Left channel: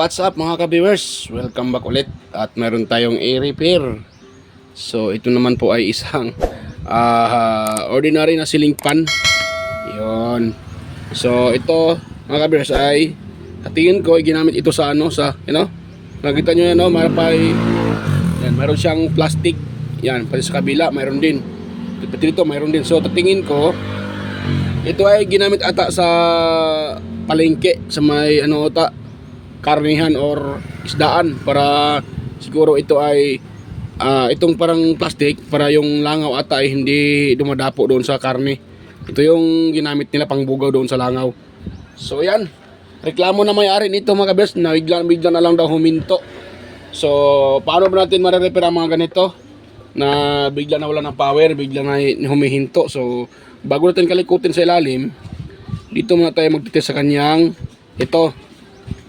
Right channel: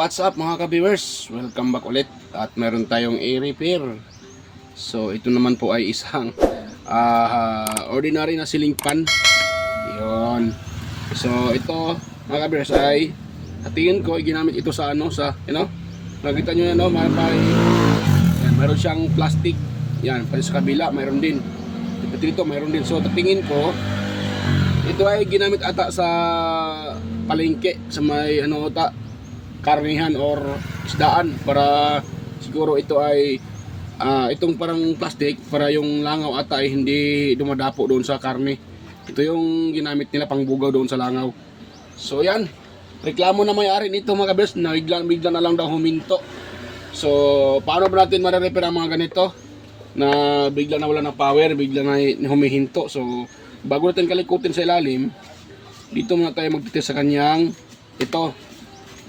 what's up mga ka-viewers? Welcome back ulit at meron tayong i-repair. So ito naman po ay isang ordinary na ceiling fan. Yun. So ito mga ka-viewers ay tingin ko ay ginamit ito sa nakita nyo yan, yan, meron siyang plastic. Yan, pati sa kabila mayroon din. Pati dito mayroon din. So tingin ko ito ay ginamit ata sa palengke, sa may karnihan or isdaan, para siguro ito ay itong parang plastic para yung langaw ata ay hindi dumadapo doon sa karne. Ito yung ginamit nila pang bugaw doon sa langaw. So yan, reklamo na may-ari nito mga kabes na bigla na lang daw huminto. So paano ba natin ma-repair ang mga ganito na bigla na wala ng power, bigla na humihinto? So bago natin kalikutin sa ilalim, dito muna tayo magtitest sa kanyang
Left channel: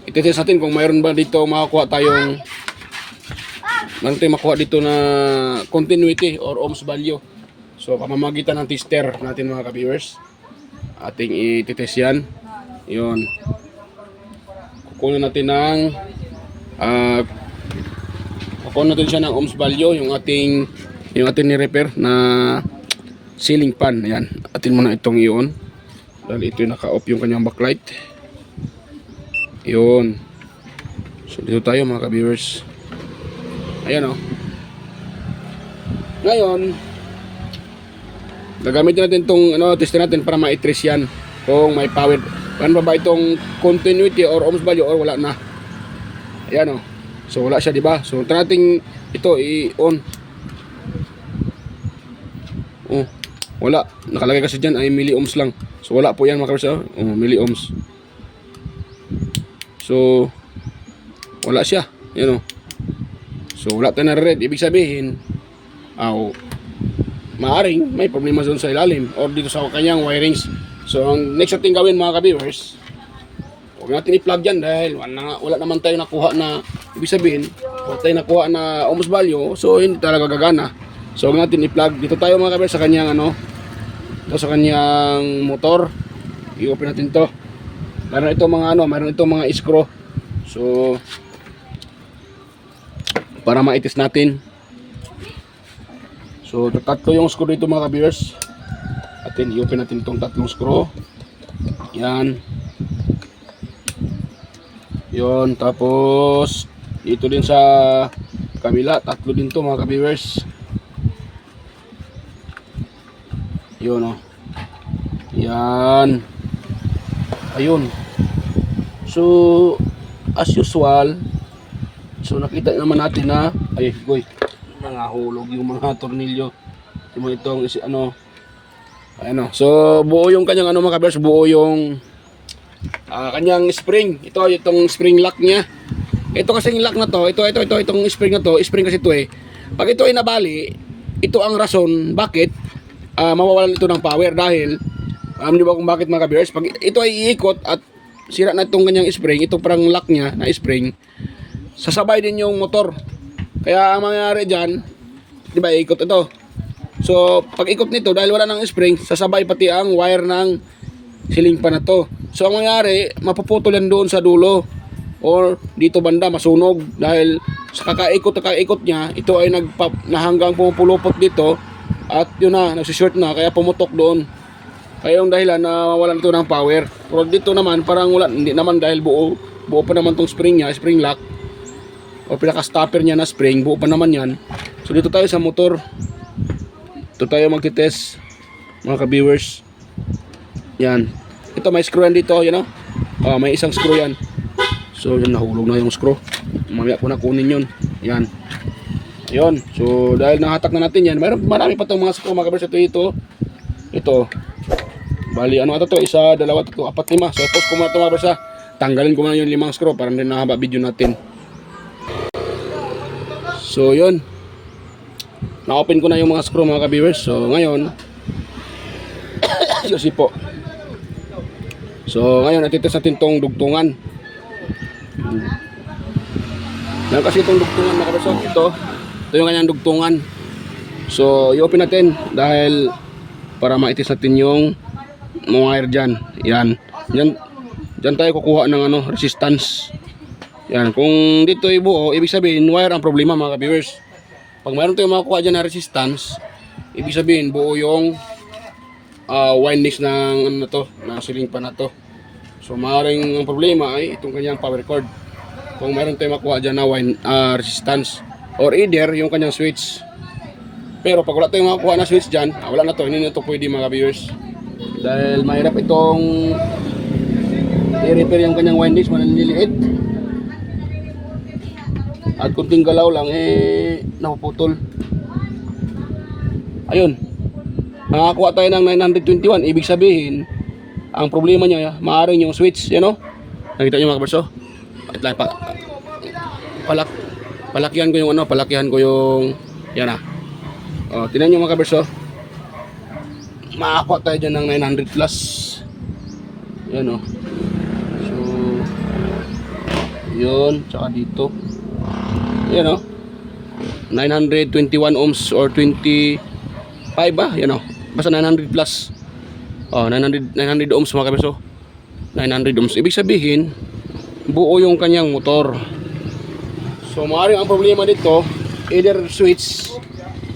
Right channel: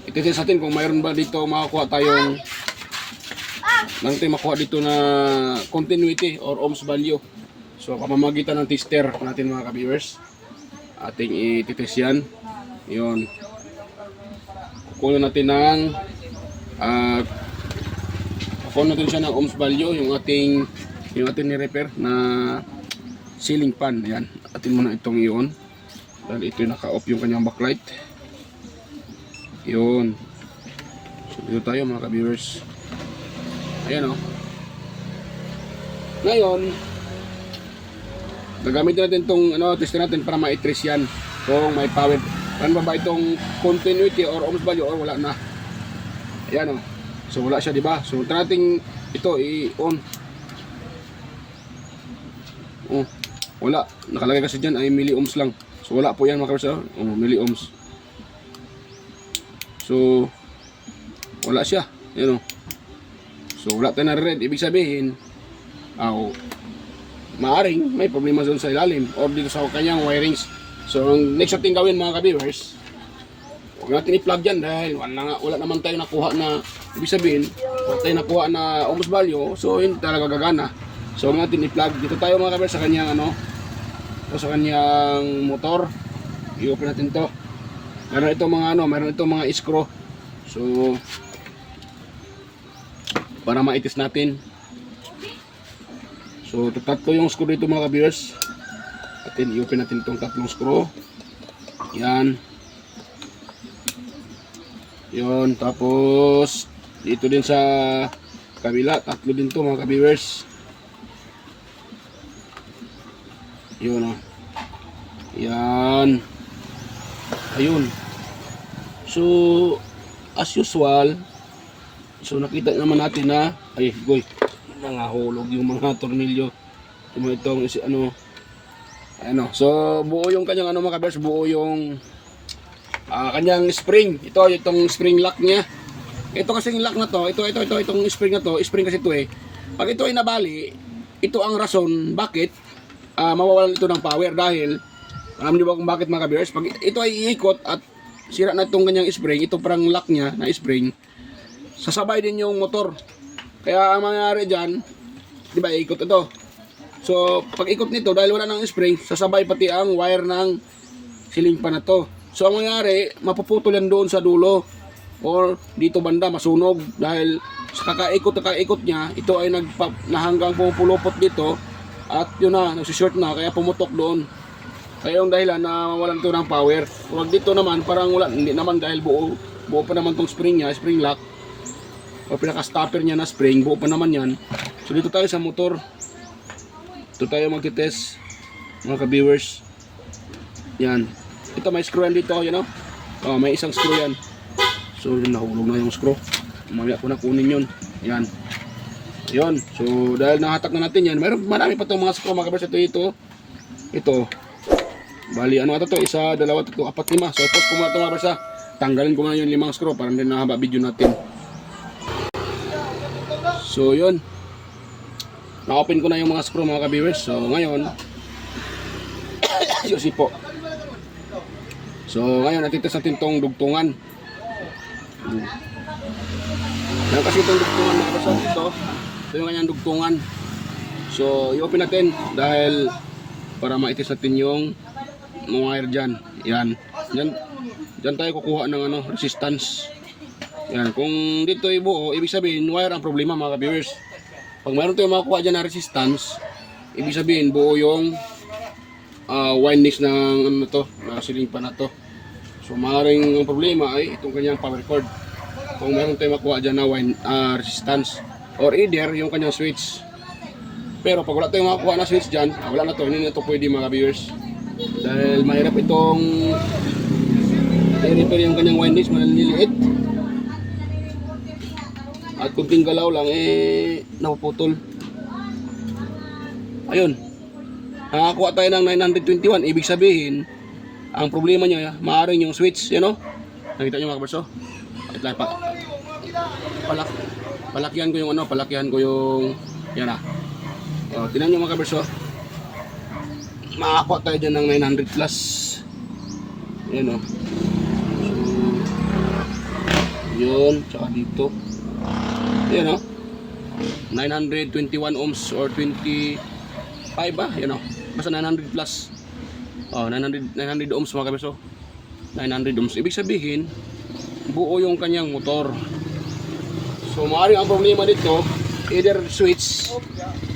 ititest natin kung mayroon ba dito makukuha tayong makuha dito na continuity or ohms value. So pamamagitan ng tester natin mga ka-viewers, ating ititest yan. Yun, kukunin natin siya ng ohms value, yung ating ni-repair na ceiling fan. Ayan, atin muna itong i-on dahil ito yung naka-off yung kanyang backlight. Yun. So dito tayo mga ka-viewers. Ayan o. Ngayon gagamitin natin itong test natin para ma-trace yan kung may power. Yan ba itong continuity or ohms value or wala na. Ayan o. So wala siya, diba? So try natin ito i-on. Oh, wala. Nakalagay kasi dyan ay milliohms lang. So wala po yan mga ka-viewers. Milliohms. So wala siya. Yan o. So wala tayo na-read. Ibig sabihin maaring may problema doon sa ilalim or dito sa kanyang wirings. So ang next natin gawin mga ka-viewers, huwag natin i-plug dyan dahil wala naman tayo nakuha na, ibig sabihin wala tayo nakuha na ohms value. So hindi talaga gagana. So huwag natin i-plug. Dito tayo mga ka-viewers sa kanyang sa kanyang motor. I-open natin to. Meron itong mga screw. So para ma-test natin. So tatlo yung screw dito mga ka-viewers. Atin i-open natin itong tatlong screw. Yan. Yun, tapos dito din sa kabila, tatlo din to mga ka-viewers. Yun o. Yan. Ayun. So as usual, so nakita naman natin na nangahulog yung mga tornilyo. Itong so buo yung kanyang mga ka-viewers, buo yung kanyang spring. Itong spring lock niya. Ito kasing lock na to, itong spring na to, spring kasi ito pag ito ay nabali, ito ang rason bakit mawawalan ito ng power. Dahil di ba kung bakit mga ka-viewers, pag ito ay iikot at sira na itong kanyang spring, ito parang lock niya na spring, sasabay din yung motor. Kaya ang mangyayari dyan, di ba, ikot ito. So pag ikot nito, dahil wala ng spring, sasabay pati ang wire ng ceiling fan na to. So ang mangyayari, mapuputol yan doon sa dulo or dito banda, masunog. Dahil sa kakaikot niya, ito ay hanggang pumupulupot dito. At yun na, nagsishort na, kaya pumutok doon. Kaya yung dahilan na walan ito ng power. Pero dito naman, parang wala, hindi naman dahil buo pa naman tong spring niya, spring lock. O pinaka-stopper niya na spring, buo pa naman yan. So dito tayo sa motor. Ito tayo magtitest, mga ka-viewers. Yan. Ito may screw yan dito, may isang screw yan. So yun, nahulog na yung screw. Mamaya ko na kunin yun. Yan. Yun. So dahil nahatak na natin yan, marami pa itong mga screw mga ka-viewers. Ito. Bali, ito? Isa, dalawa, tatlo, apat, lima. So tapos ko muna ito mga ka-viewers. Tanggalin ko muna yung 5 screw para hindi nahaba video natin. So yun, na-open ko na yung mga screw mga ka-viewers. So ngayon natitest natin itong dugtungan. Yan kasi itong dugtungan mga ka-viewers. Ito yung kanyang dugtungan. So i-open natin dahil para ma-test natin yung mga wire dyan. Yan tayo kukuha ng resistance. Yan, kung dito ay buo, ibig sabihin wire ang problema mga ka-viewers. Pag mayroon tayong makakuha dyan na resistance, ibig sabihin buo yung windings ng ano na to, na ceiling fan na to. So maaaring ang problema ay itong kanyang power cord. Kung mayroon tayong makuha dyan na resistance or either yung kanyang switch. Pero pag wala tayong makuha na switch dyan, wala na to, hindi na to pwede mga viewers. Dahil mahirap itong i-repair yung kanyang windings, mananiliit. At kunting galaw lang napuputol. Ayun, nakakuha tayo ng 921. Ibig sabihin ang problema niya maaaring yung switch, nakita niyo mga kabarso. Palakihan ko yung yan tingnan niyo mga kabarso. Makakuha tayo dyan ng 900 plus. Yan so yun, tsaka dito yan 921 ohms or 25 yan basta 900 plus 900 ohms mga kabeso. 900 ohms ibig sabihin buo yung kanyang motor. So maaaring ang problema dito either switch,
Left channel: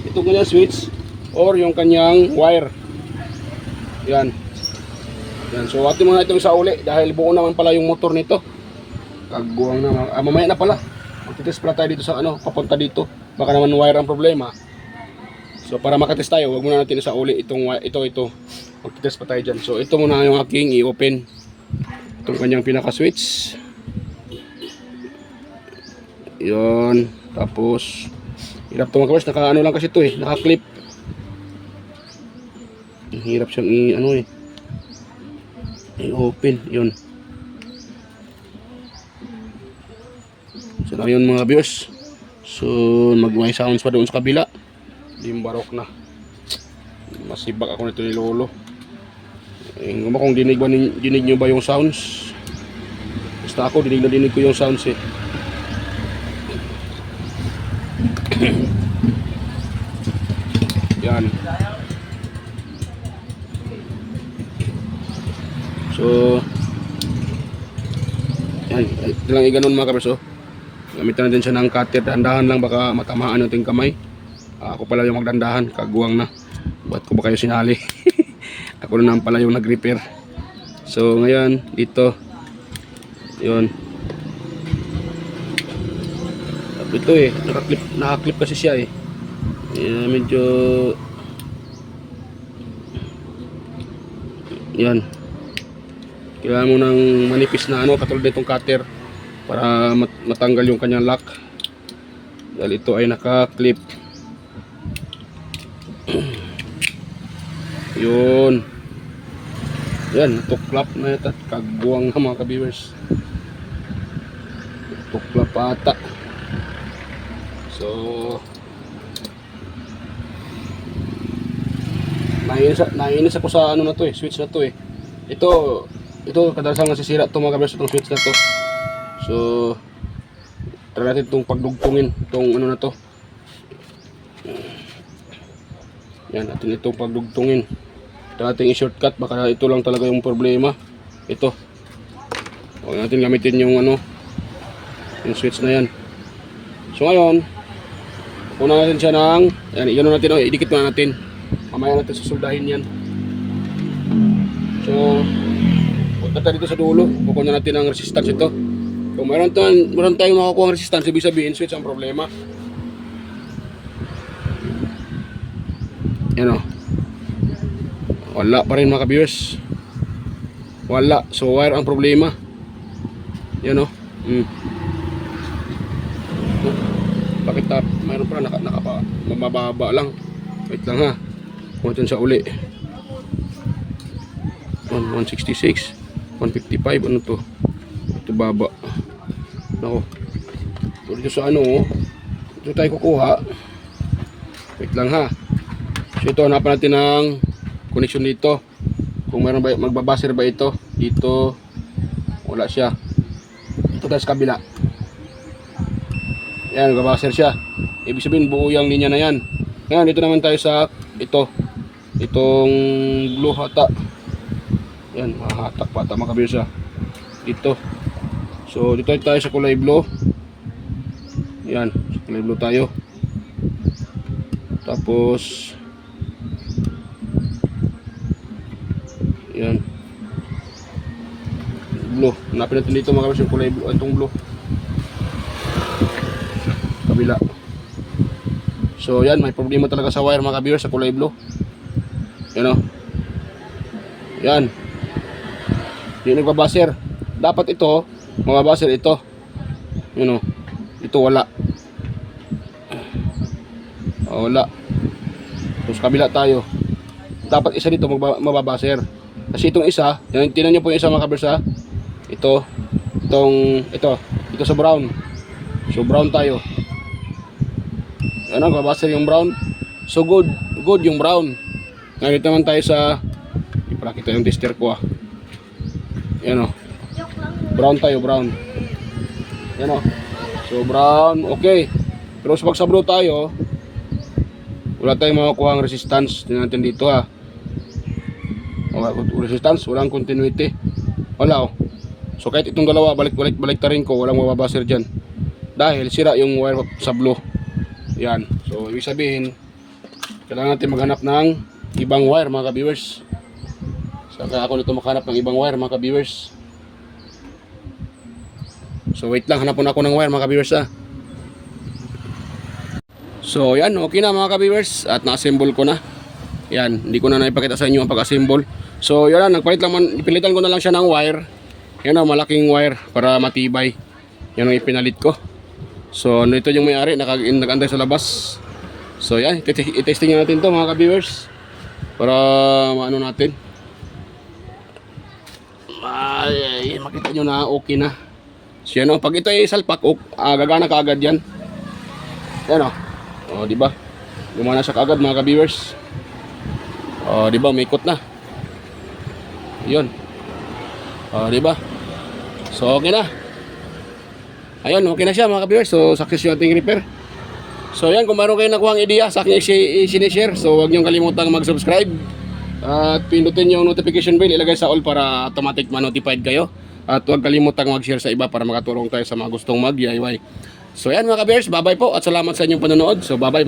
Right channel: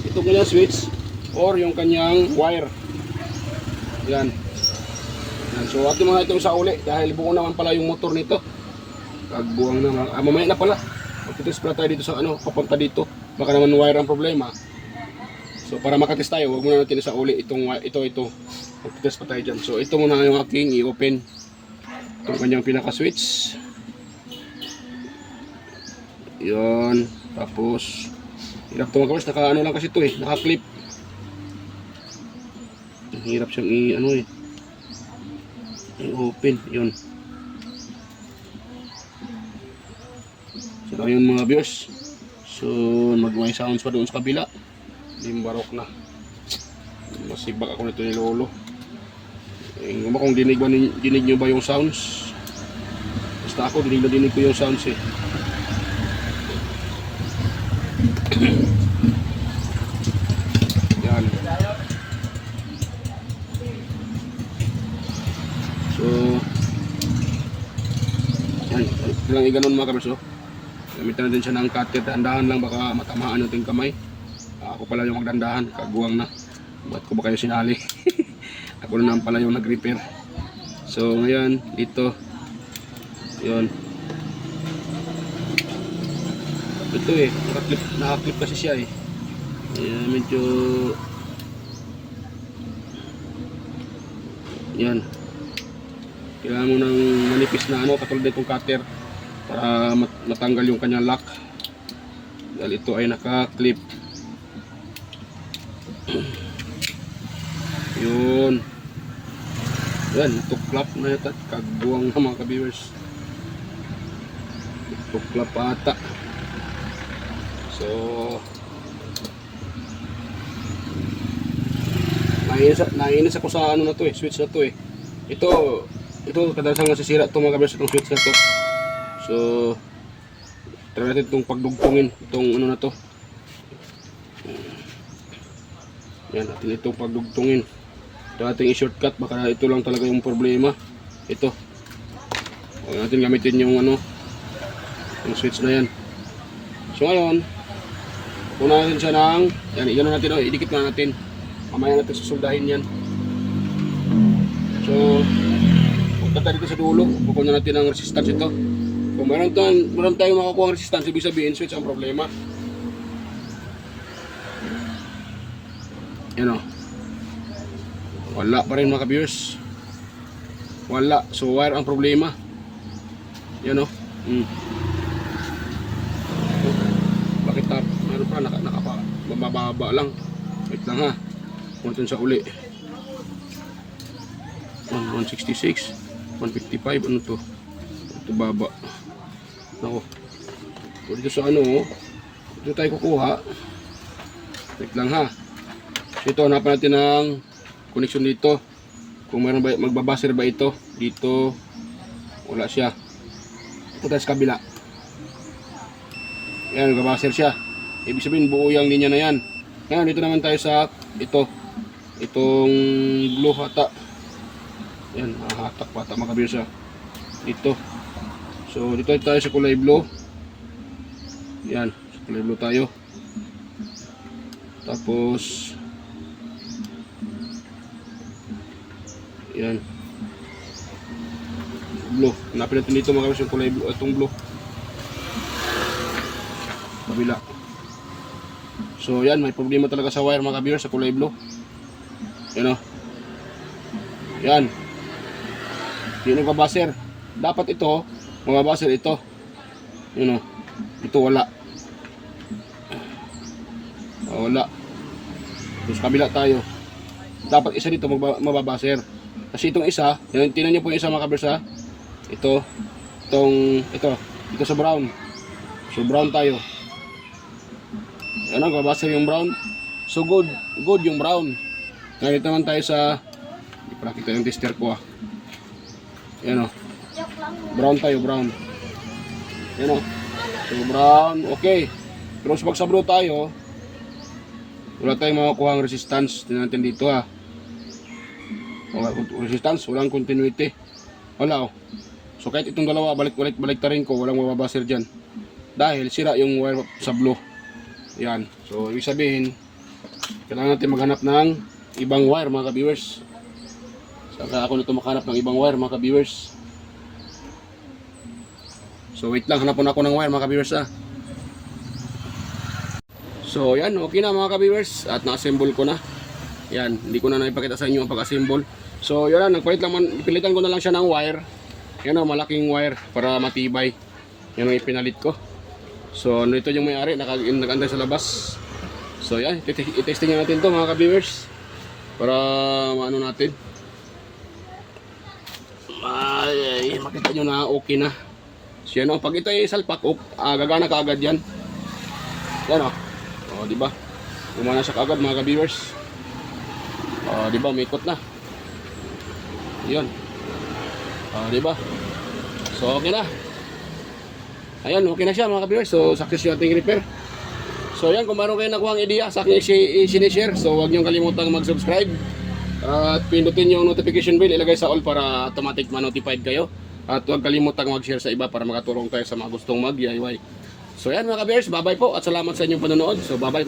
ito kanyang switch, or yung kanyang wire. Yan. So atin muna itong sa uli dahil buo naman pala yung motor nito. Kaguang na mamaya na pala. Magtitest pala tayo dito sa papunta dito. Baka naman wire ang problema. So para makatest tayo, wag muna natin sa uli itong ito. Magtitest pa tayo dyan. So ito muna yung aking i-open. Itong kanyang pinaka-switch. Yun. Tapos hirap ito mga kabars. Naka lang kasi ito naka-clip. Hirap siyang i-open. Yun. So ayun mga viewers. So mag-may sounds pa doon sa kabila. Limbarok na. Masibak ako nito ni Lolo. Kung dinig nyo ba yung sounds? Basta ako dinig ko yung sounds Yan. So yan, ito lang i-ganon mga kaberso. Gamitan natin siya ng cutter. Dandahan lang, baka matamaan yung ating kamay. Ako pala yung magdandahan, kaguwang na. Ba't ko ba kayo sinali? Ako na pala yung nag-repair. So ngayon, dito yun. Ito naka-clip kasi siya medyo yan. Kailangan mo ng manipis na katulad nitong cutter para matanggal yung kanyang lock dahil ito ay naka-clip. Yun yan, tuklap na ito. Kaguwang na mga ka-viewers, tuklap ata. So nainis ako sa na to switch na to ito kadalasan nasisira to mga ka-viewers, itong switch na to. So try natin itong pagdugtungin itong na to. Yan, natin itong pagdugtungin. Dating i-shortcut, baka ito lang talaga yung problema. Ito. Huwag natin gamitin yung yung switch na yan. So ngayon, una natin siya ng yan natin, idikit na natin. Mamaya natin susuldahin yan. So punta tayo dito sa dulo, kukuha na natin ang resistance ito. Kung meron tayong makakuha ang resistance, ibig sabihin switch ang problema. Yan wala pa rin mga ka-viewers, wala. So wire ang problema. Yan bakit mayroon pa mababa lang. Wait lang ha, kung natin sa uli. 166 155 ano to, ito baba. Nako, dito sa dito tayo kukuha. Wait lang ha. So ito, hanapan natin ng connection dito. Kung meron ba, magbabasir ba ito dito, wala siya. Ito tayo sa kabila. Yan, magbabasir siya. Ibig sabihin buo yung linya na yan. Ngayon dito naman tayo sa itong blue hata. Yan, hatak pa, tama kabila siya dito. So dito tayo sa kulay blue. Yan, sa kulay blue tayo. Tapos yan, blue. Hanapin natin dito mga kabiyers yung kulay blue, itong blue. Kabila. So yan, may problema talaga sa wire mga kabiyers sa kulay blue. Yan o. Yan. Hindi nagbabaser. Dapat ito, mababaser ito. Yan o. Ito wala. Wala. Tapos kabila tayo. Dapat isa dito mababaser. Kasi itong isa, tinan nyo po yung isa mga kabiyers ha. Ito sa brown. So brown tayo. Ano, mababaser yung brown. So good yung brown. Ngayon naman tayo sa ipakita yung tester ko Yan o. Brown tayo, brown. Yan o. So brown, okay. Pero pag sa blue tayo, wala tayong makakuha ang resistance. Tingnan natin dito Wala resistance, walang continuity. Wala So kahit itong dalawa, balik ta rin ko, walang mababaser dyan. Dahil sira yung wire sa blue. Yan. So ibig sabihin, kailangan natin maghanap ng ibang wire mga ka-viewers. Saka ako nito makahanap ng ibang wire mga ka-viewers. So wait lang, hanapon ako ng wire mga ka-viewers So yan, okay na mga ka-viewers. At na-assemble ko na. Yan, hindi ko na naipakita sa inyo ang pag-assemble. So yan, ipilitan ko na lang siya ng wire. Yan malaking wire para matibay. Yan ang ipinalit ko. So ito yung may-ari, nag-antay sa labas. So yan, i-testing natin to mga ka-viewers. Para maano natin. Ay, makita nyo na okay na. So yan pag ito ay salpak, gagana kaagad yan. Yan diba? Gumana siya kaagad mga ka-viewers. Diba, may ikot na. Yun. Diba? So okay na. Ayun, okay na siya mga ka-viewers. So success yung ating repair. So yan, kung meron kayo nakuha ang idea sa akin i-share. So huwag niyong kalimutang mag-subscribe. At pindutin yung notification bell, ilagay sa all para automatic ma-notified kayo. At huwag kalimutang mag-share sa iba para makatulong tayo sa mga gustong mag-DIY. So yan mga ka-viewers, bye-bye po at salamat sa inyong panonood. So bye-bye.